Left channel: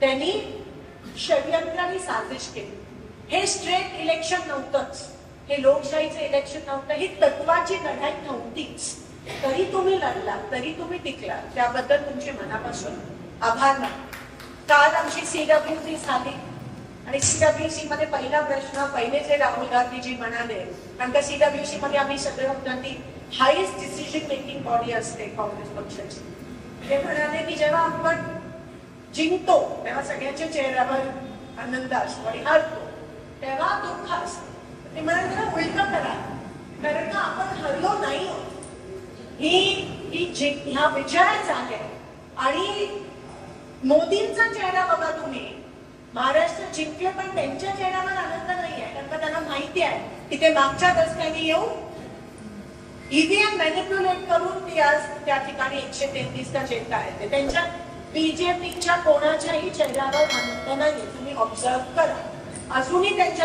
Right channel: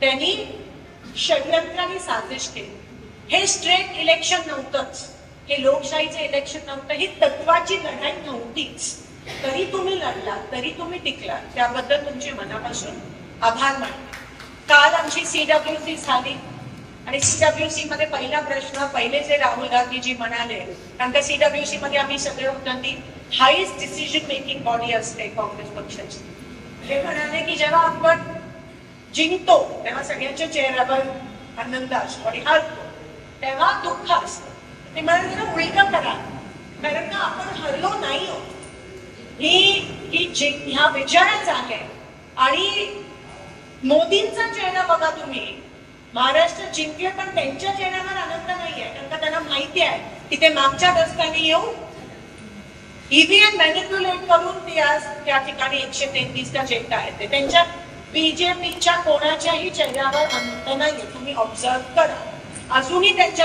त्यांनी षडयंत्राने साजिश केली. हे स्ट्रेट इलेक्शन नव्हतंच, हे लोकशाहीचं इलेक्शन नव्हतं, ही तत्वाची लढाई नव्हतीच. तरी तुम्ही लढला, तरी तुम्ही टिकला, त्याबद्दल तुमचे मनापासून आभार मानते. काल आमची CWC झाली आणि CWC मध्ये पहिला प्रश्न, पहिले जे राहुल गांधीजी म्हणाले, कारण का CWC मध्ये आम्ही सगळे होतो, ती हायेस्ट डिसिजन मेकिंग बॉडी असते काँग्रेस पक्षाची. हे म्हणाले की जेव्हा आपण जिंकतो तेव्हा सगळ्यांच्या चेहऱ्यावर आनंद असतो आणि हरतो तेव्हा दुःख असतं. ते म्हणाले ना उलट करा, कारण का आपण हरलो नाही आहोत. ह्या विजयाच आहे. आणि मोदींचा चेहरा बघा तुम्ही, महाराष्ट्र जिंकले पण त्यांच्या चेहऱ्यावर आनंद नाहीये, कारण का त्यांना माहिती आहे की ते मागच्या दशकाने येऊन EVM मॅनिप्युलेट करून ते आज त्या ठिकाणी 133चा झेंडा आहे. ते त्यांच्या BJPच्या कोणाच्याही चेहऱ्यावर आनंद नाहीये. तुम्ही ऑब्झर्व करा, अजूनही त्यांच्या